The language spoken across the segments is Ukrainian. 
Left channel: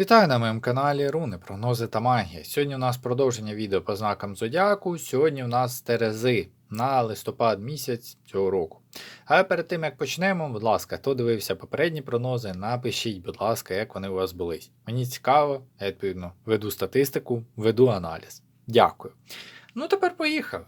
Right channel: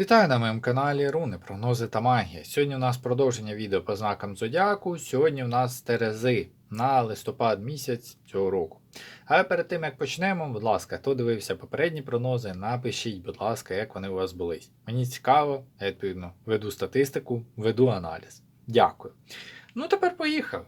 Вітаю на моєму каналі Руни, прогнози та магія. Сьогодні у нас продовження відео по знакам Зодіаку. Сьогодні у нас Терези на листопад місяць цього року. А перед тим як почнемо, будь ласка, хто дивився попередні прогнози, напишіть, будь ласка, як вони у вас були. Мені цікаво, я відповідно веду статистику, веду аналіз. Дякую. Ну тепер поїхали.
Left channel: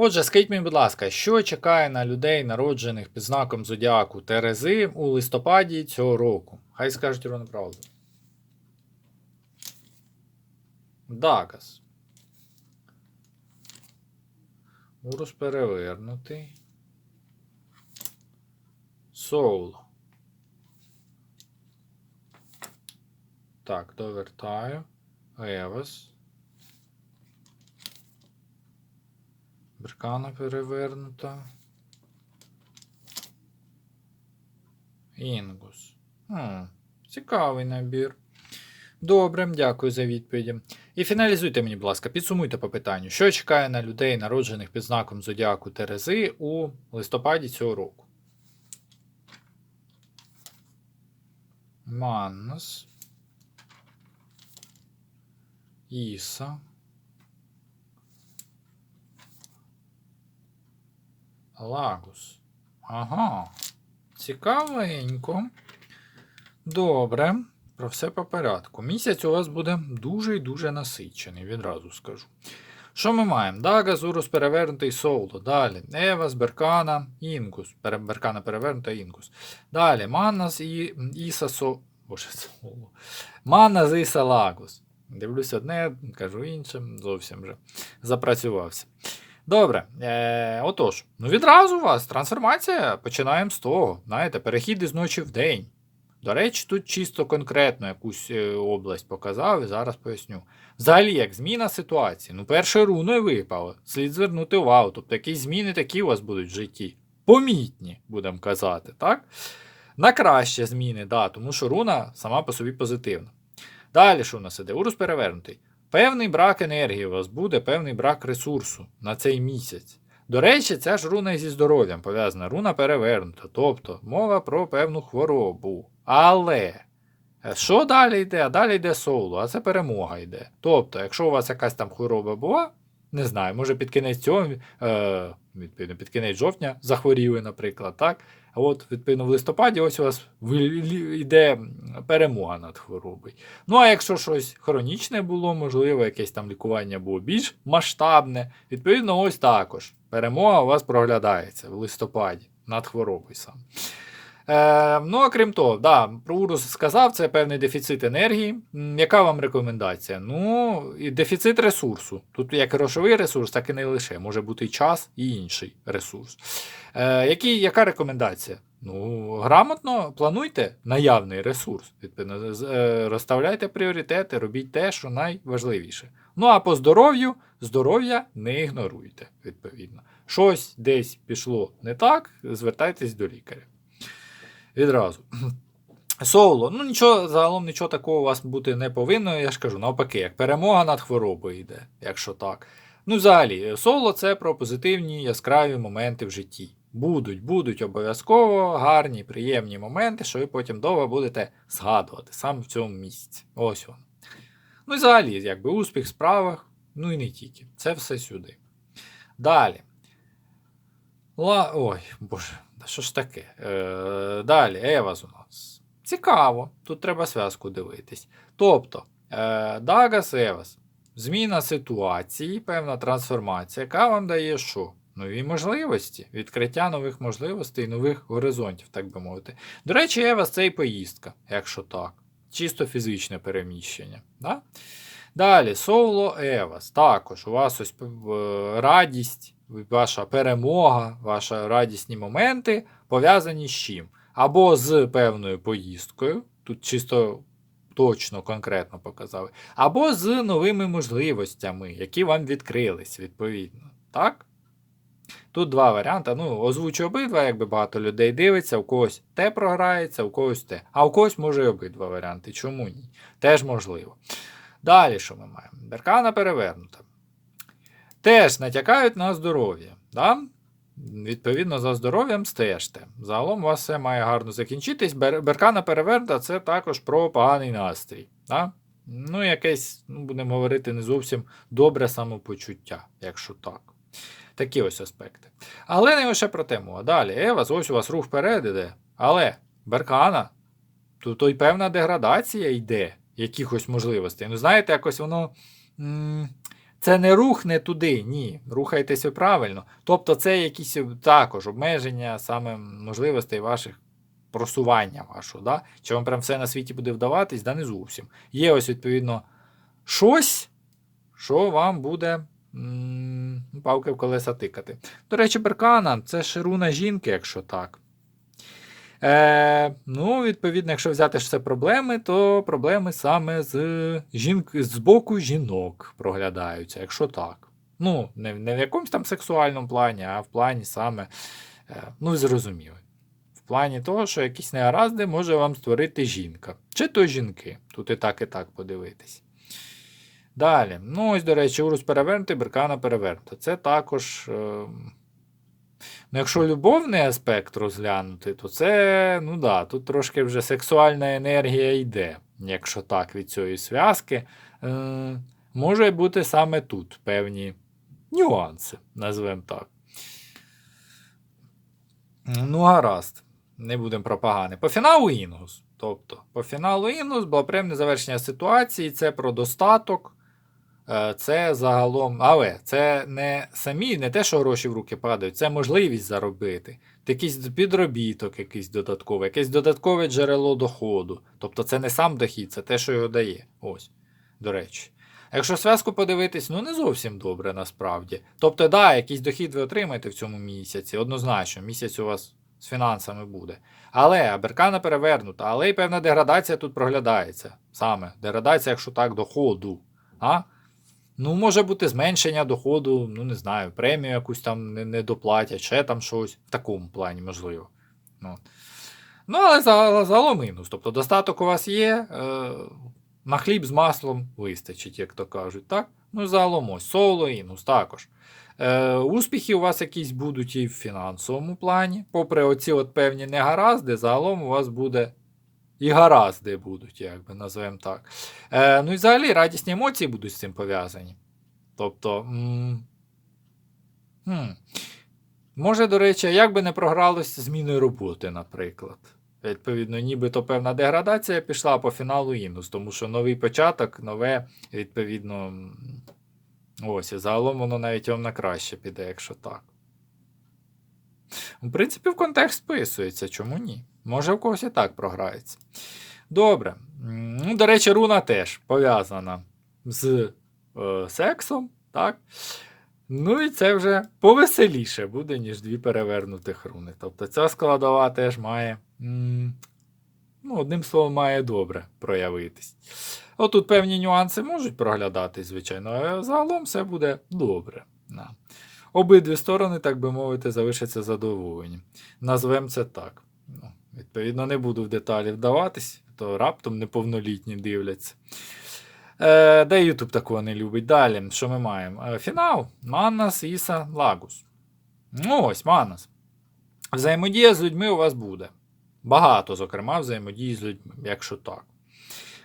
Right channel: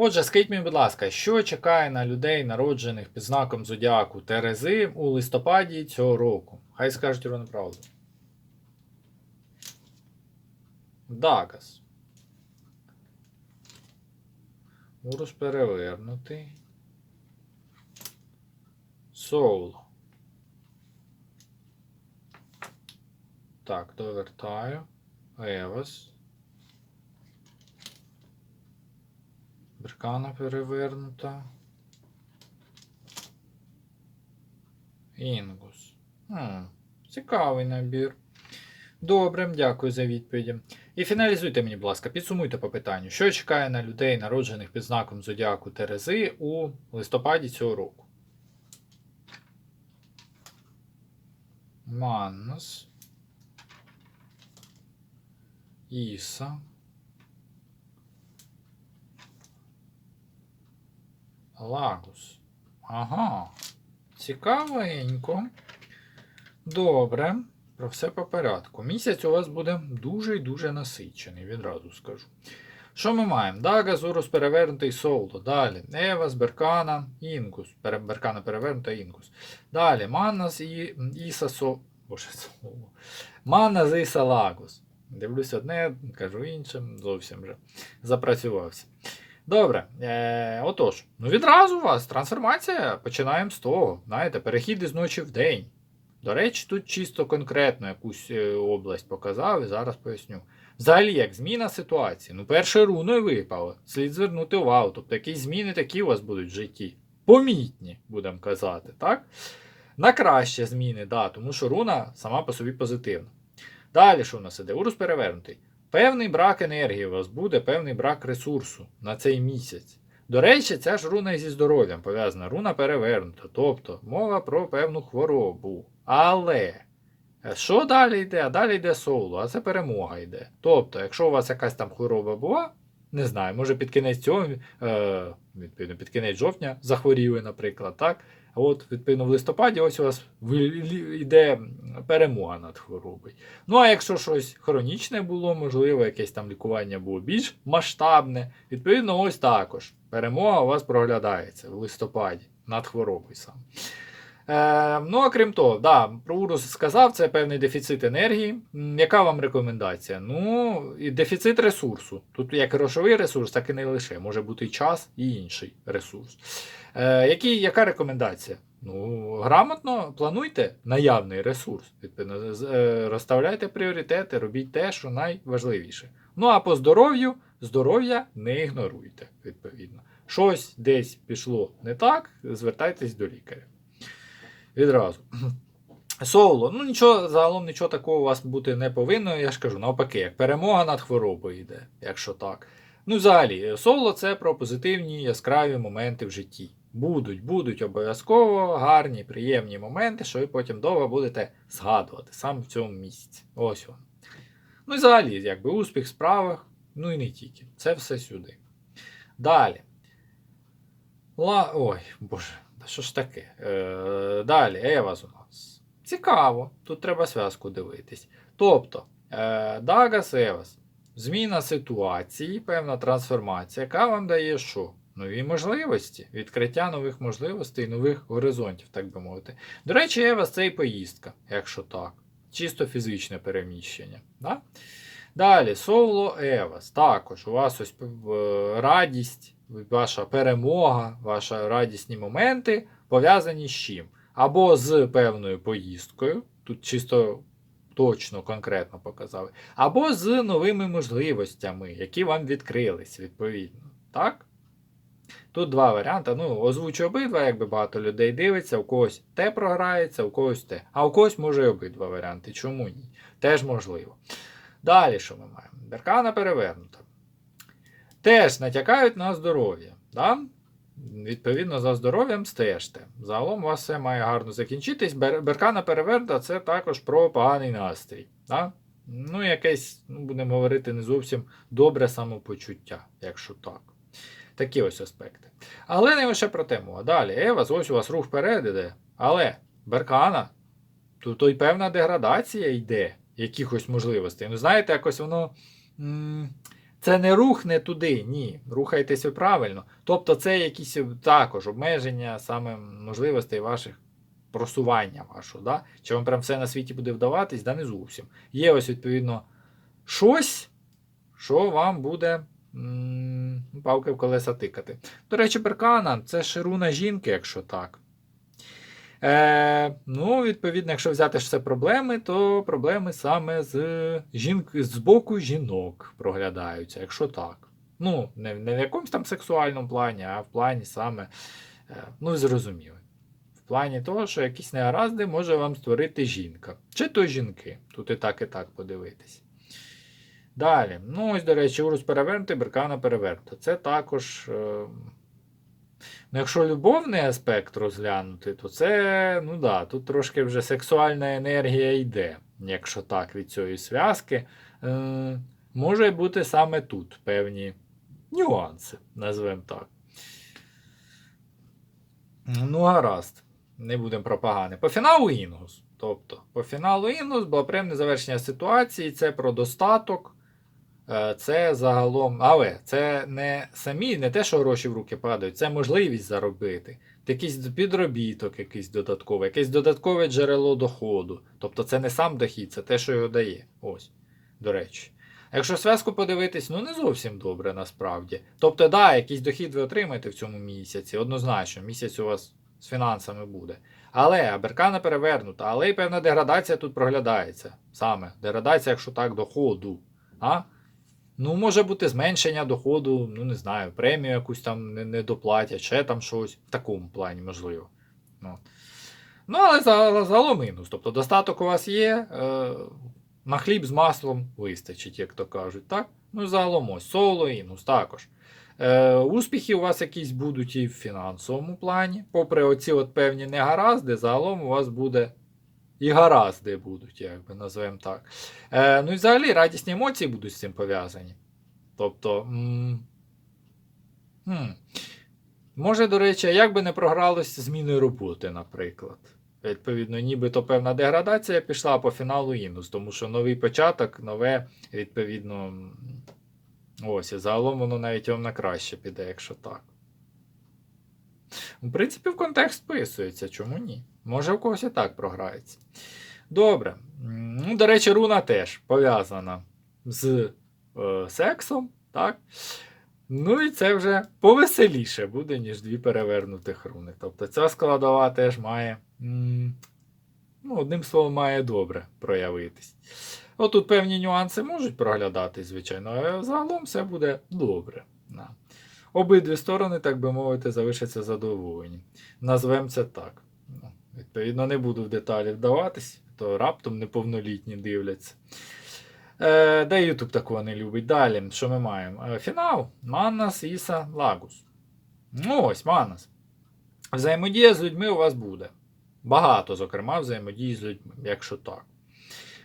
Отже, скажіть мені, будь ласка, що чекає на людей, народжених під знаком Зодіаку Терези у листопаді цього року? Хай скажуть ровно правду. Дагас. Урус перевернутий. Соуло. Так, довертаю. Евас. Беркана перевернута. Інгус. Хм, цікавий набір. Добре, дякую за відповіді. І фіналізуйте мені, будь ласка, підсумуйте по питанню, що чекає на людей, народжених під знаком Зодіаку Терези у листопаді цього року. Маннус. Іса. Лагус. Ага. Цікавенько. Добре. Про все по порядку. Місяць у вас буде дуже і дуже насичений, відразу скажу. Що ми маємо? Дага, Зурус перевернутий Соуло. Далі. Евас, Беркана, Інгус. Беркана перевернута Інгус. Далі. Маннас і Іса Со. Боже, Соло. Маннас Іса Лагус. Дивлюсь одне, кажу інше, зовсім вже запрацювався. Добре. Е, отож, ну відразу у вас трансформація. Починаємо з того. Знаєте, перехід із ночі в день. До речі, тут чисто конкретно якусь е, область показав і зараз поясню. Взагалі, як зміна ситуації. Ну, перше руною випало. Слід звернути увагу. Тобто якісь зміни такі у вас будуть в житті. Помітні, будемо казати, так? На краще зміни, да, тому що руна сама по собі позитивна. Далі, що в нас іде? Урус перевернутий. Певний брак енергії у вас буде, певний брак ресурсу на цей місяць. До речі, ця ж руна зі здоров'ям пов'язана, руна перевернута. Тобто мова про певну хворобу. Але е, що далі йде? А далі йде соло, а це перемога йде. Тобто, якщо у вас якась там хвороба була, не знаю, може під кінець цього, е, під кінець жовтня захворіли, наприклад, так? От, відповідно, в листопаді ось у вас йде перемога над хворобою. Ну, а якщо щось хронічне було, можливо, якесь там лікування було більш масштабне, відповідно, ось також. Перемога у вас проглядається в листопаді над хворобою сам. Е, ну, окрім того, да, про урус сказав, це певний дефіцит енергії. Яка вам рекомендація? Ну, і дефіцит ресурсу. Тут як грошовий ресурс, так і не лише. Може бути час і інший ресурс. Е, які, яка рекомендація? Ну, грамотно плануйте наявний ресурс. Відповідно, е, розставляйте пріоритети, робіть те, що найважливіше. Ну а по здоров'ю, здоров'я не ігноруйте, відповідно. Щось десь пішло не так, звертайтесь до лікаря. Відразу. Соло, ну нічого, загалом нічого такого у вас бути не повинно, я ж кажу, навпаки, як перемога над хворобою йде, якщо так. Ну, взагалі, соло це про позитивні яскраві моменти в житті. Будуть, будуть обов'язково гарні, приємні моменти, що ви потім довго будете згадувати саме в цьому місці. Ось воно. Ну і взагалі, якби успіх в справах, ну і не тільки. Це все сюди. Далі. Ла... Ой, боже, що ж таке? Е, далі, Еваз у нас. Цікаво, тут треба зв'язку дивитись. Тобто, е, Дагас Евас. Зміна ситуації, певна трансформація, яка вам дає що? Нові можливості, відкриття нових можливостей, нових горизонтів, так би мовити. До речі, Евас це і поїздка, якщо так. Чисто фізичне переміщення. Да? Далі, Соло Евас. Також у вас ось е, радість, ваша перемога, ваші радісні моменти пов'язані з чим? Або з певною поїздкою, тут чисто точно, конкретно показали, або з новими можливостями, які вам відкрились, відповідно. Так? Тут два варіанти. Ну, озвучу обидва, якби багато людей дивиться, у когось те програється, у когось те. А у когось може і обидва варіанти. Чому ні? Теж можливо. Далі що ми маємо? Беркана перевернута. Теж натякають на здоров'я. Да? Відповідно, за здоров'ям стежте. Загалом у вас все має гарно закінчитись. Беркана переверта це також про поганий настрій. Да? Ну, якесь, ну, будемо говорити, не зовсім добре самопочуття, якщо так. Такі ось аспекти. Але не лише про тему. А далі, Евас, ось у вас рух вперед іде. Але Беркана, то, то й певна деградація йде якихось можливостей. Ну, знаєте, якось воно. Це не рух не туди, ні. Рухайтеся правильно. Тобто, це якісь також обмеження саме можливостей ваших просування вашого. Да? Чи вам прям все на світі буде вдаватись? Да не зовсім. Є ось, відповідно, щось, що вам буде м, палки в колеса тикати. До речі, беркана це шируна жінки, якщо так. Е, ну, відповідно, якщо взяти ж це проблеми, то проблеми саме з, жінк... з боку жінок проглядаються, якщо так. Ну, не, не в якомусь там сексуальному плані, а в плані саме, е, ну, ви зрозуміли. В плані того, що якісь негаразди може вам створити жінка. Чи то жінки. Тут і так, і так подивитись. Далі. Ну, ось, до речі, урус перевернутий, беркана перевернута. Це також. Е, Ну, якщо любовний аспект розглянути, то це, ну да, тут трошки вже сексуальна енергія йде, якщо так, від цієї зв'язки. Е, може бути саме тут певні нюанси, назвемо так. Ну, гаразд. Не будемо про погане. По фіналу Інгус. Тобто, по фіналу Інгус було приємне завершення ситуації, це про достаток. Е, Це загалом, але це не самі, не те, що гроші в руки падають, це можливість заробити. Якийсь підробіток, якийсь додатковий, якесь додаткове джерело доходу. Тобто це не сам дохід, це те, що його дає. Ось, до речі. Якщо зв'язку подивитись, ну не зовсім добре насправді. Тобто, да, якийсь дохід ви отримаєте в цьому місяці, однозначно, місяць у вас з фінансами буде. Але беркана перевернута, але й певна деградація тут проглядається. Саме деградація, якщо так, доходу. А? Ну, може бути зменшення доходу, ну не знаю, премію якусь там не, доплатять, ще там щось. В такому плані, можливо. Ну, ну але загалом мінус. Тобто достаток у вас є, е, на хліб з маслом вистачить, як то кажуть. так? Ну, загалом ось соло, інус також. Е, успіхи у вас якісь будуть і в фінансовому плані. Попри оці от певні негаразди, загалом у вас буде і гаразди будуть, як би назвемо так. Е, ну і взагалі радісні емоції будуть з цим пов'язані. Тобто. М- хм, може, до речі, як би не програлось зміною роботи, наприклад. Відповідно, нібито певна деградація пішла по фіналу Інус, тому що новий початок, нове, відповідно. Ось, і загалом воно навіть вам на краще піде, якщо так. В принципі, в контекст вписується, чому ні? Може, у когось і так програється. Добре. Ну, до речі, руна теж пов'язана з е, сексом, так? Ну і це вже повеселіше буде, ніж дві перевернутих руни. Тобто ця складова теж має, ну, одним словом, має добре проявитись. Отут певні нюанси можуть проглядатись, звичайно, але загалом все буде добре. Обидві сторони, так би мовити, залишаться задоволені. Назвемо це так. Ну, відповідно, не буду в деталі вдаватись, то раптом неповнолітні дивляться. Е, де YouTube такого не любить. Далі, що ми маємо? Е, фінал. Маннас, Іса, Лагус. Ну ось, Маннас. Взаємодія з людьми у вас буде. Багато, зокрема, взаємодії з людьми, якщо так.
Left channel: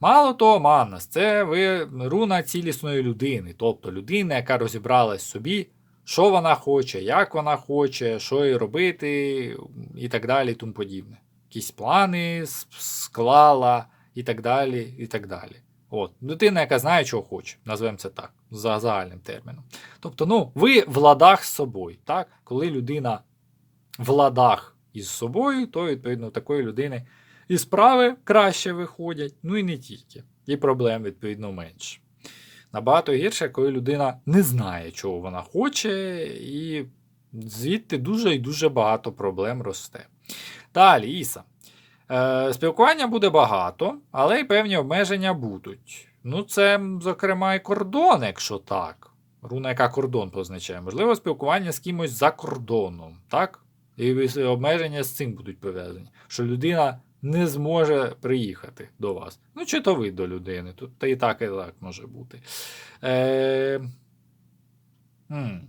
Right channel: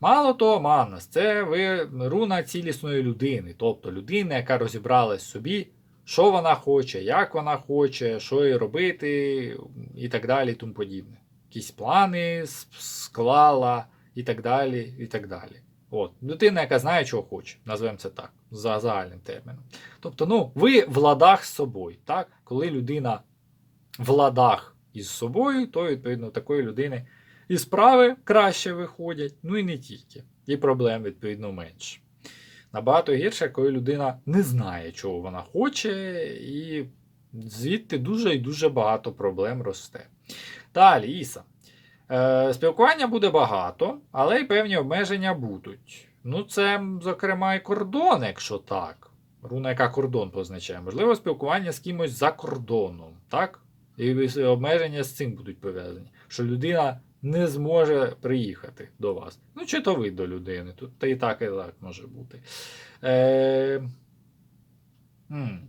Мало того, Маннас, це ви руна цілісної людини, тобто людина, яка розібралась собі, що вона хоче, як вона хоче, що їй робити, і так далі, і тому подібне. Якісь плани склала, і так далі, і так далі. От, людина, яка знає, чого хоче, назвемо це так, за загальним терміном. Тобто, ну, ви в ладах з собою. Так? Коли людина в ладах із собою, то, відповідно, такої людини і справи краще виходять, ну і не тільки. І проблем, відповідно, менше. Набагато гірше, коли людина не знає, чого вона хоче, і звідти дуже і дуже багато проблем росте. Далі, Іса. Е, спілкування буде багато, але й певні обмеження будуть. Ну, це, зокрема, і кордон, якщо так. Руна, яка кордон позначає. Можливо, спілкування з кимось за кордоном, так? І обмеження з цим будуть пов'язані. Що людина не зможе приїхати до вас. Ну, чи то ви до людини. Тут та і так, і так може бути. Е... м.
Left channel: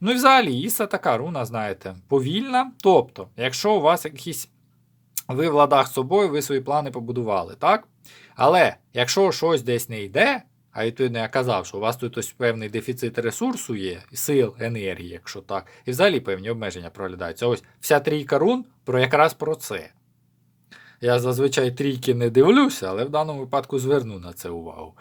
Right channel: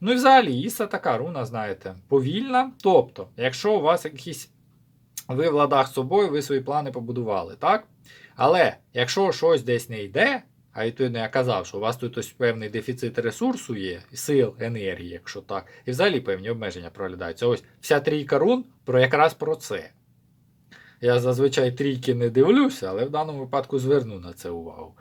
Ну і взагалі, Іса така руна, знаєте, повільна. Тобто, якщо у вас якісь ви в ладах з собою, ви свої плани побудували, так? Але якщо щось десь не йде, а відповідно я казав, що у вас тут ось певний дефіцит ресурсу є, сил, енергії, якщо так, і взагалі певні обмеження проглядаються. Ось вся трійка рун про якраз про це. Я зазвичай трійки не дивлюся, але в даному випадку зверну на це увагу.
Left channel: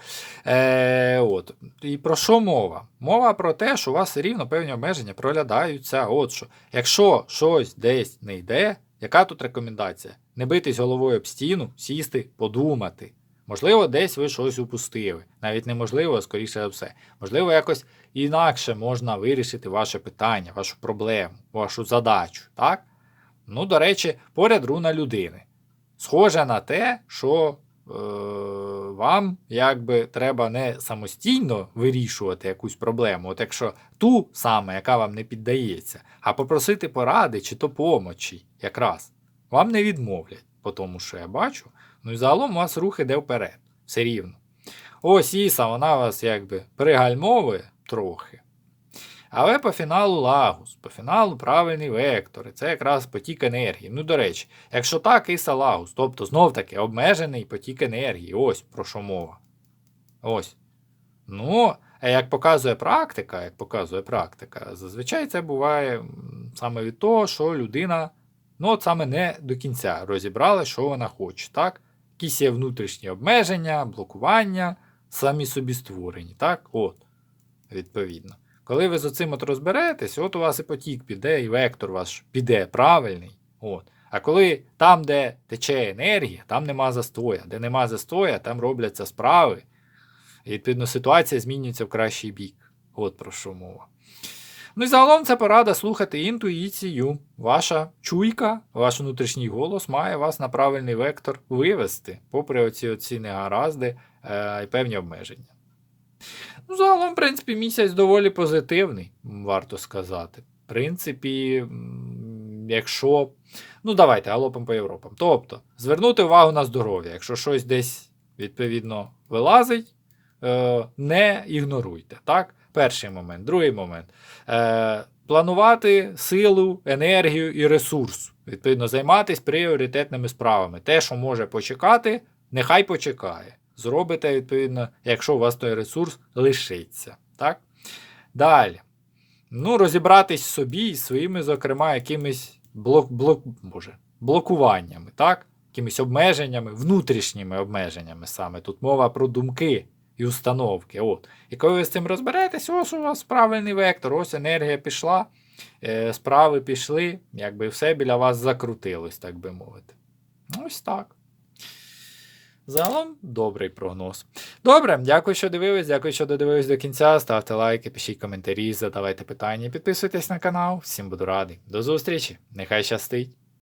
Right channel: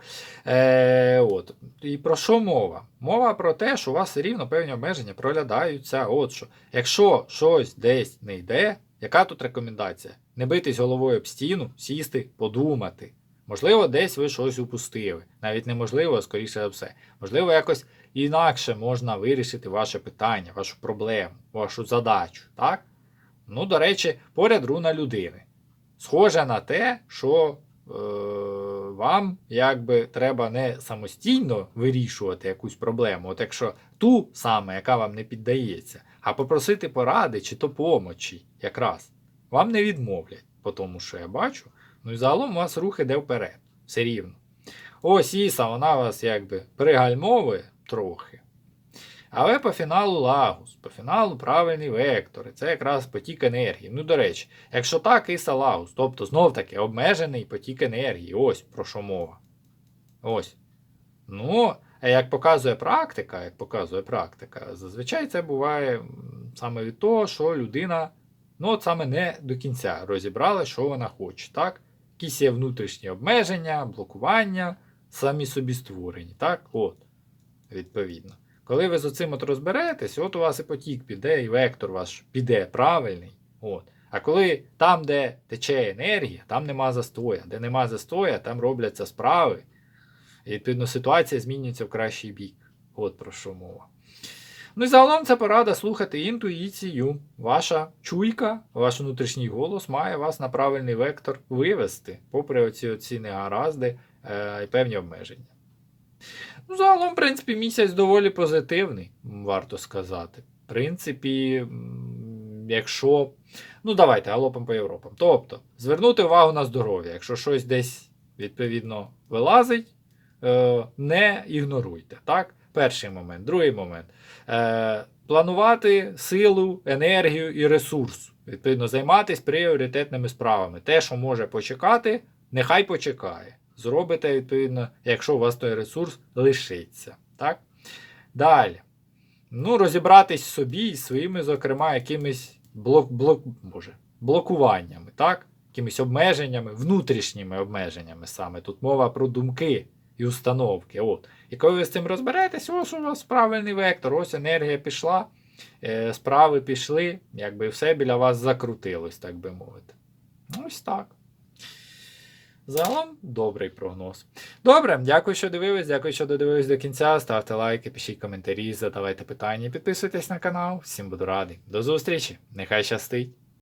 Е, от. І про що мова? Мова про те, що у вас рівно певні обмеження проглядаються. От що. Якщо щось десь не йде, яка тут рекомендація? Не битись головою об стіну, сісти, подумати. Можливо, десь ви щось упустили. Навіть неможливо, скоріше за все. Можливо, якось інакше можна вирішити ваше питання, вашу проблему, вашу задачу. Так? Ну, до речі, поряд руна людини. Схоже на те, що е, вам якби треба не самостійно вирішувати якусь проблему, от якщо ту саме, яка вам не піддається, а попросити поради чи то якраз. Вам не відмовлять, по тому, що я бачу. Ну і загалом у вас рух іде вперед. Все рівно. Ось Іса, вона вас якби пригальмовує трохи. Але по фіналу Лагус, по фіналу правильний вектор. Це якраз потік енергії. Ну, до речі, якщо так, Іса Лагус, тобто знов таки обмежений потік енергії. Ось про що мова. Ось. Ну, а як показує практика, як показує практика, зазвичай це буває саме від того, що людина, ну, от саме не до кінця розібрала, що вона хоче. так? Якісь є внутрішні обмеження, блокування, самі собі створені. Так? От, відповідно. Коли ви з оцим от розберетесь, от у вас і потік піде, і вектор ваш піде правильний. От. А коли там, де тече енергія, там нема застоя. Де нема застоя, там робляться справи. І відповідно ситуація змінюється в кращий бік. От про що мова. Ну і загалом це порада слухати інтуїцію. Ваша чуйка, ваш внутрішній голос має вас на правильний вектор вивести, попри оці, оці негаразди е, і певні обмеження. Ну, загалом, в принципі, місяць доволі позитивний, варто сказати. В принципі, якщо. Ну, давайте, галопом по Європам. Тобто, звернути увагу на здоров'я. Якщо щось десь, відповідно, вилазить, е, не ігноруйте. Так? Перший момент. Другий момент. Е, планувати силу, енергію і ресурс. Відповідно, займатися пріоритетними справами. Те, що може почекати, нехай почекає. Зробите, відповідно, якщо у вас той ресурс лишиться. Так? Далі. Ну, розібратись собі і своїми, зокрема, якимись блок, блок, боже, блокуваннями, так? якимись обмеженнями, внутрішніми обмеженнями саме. Тут мова про думки і установки. От. І коли ви з цим розберетесь, ось у вас правильний вектор, ось енергія пішла, е, справи пішли, якби все біля вас закрутилось, так би мовити. Ось так. Загалом добрий прогноз. Добре, дякую, що дивились, дякую, що додивились до кінця. Ставте лайки, пишіть коментарі, задавайте питання, підписуйтесь на канал. Всім буду радий. До зустрічі! Нехай щастить!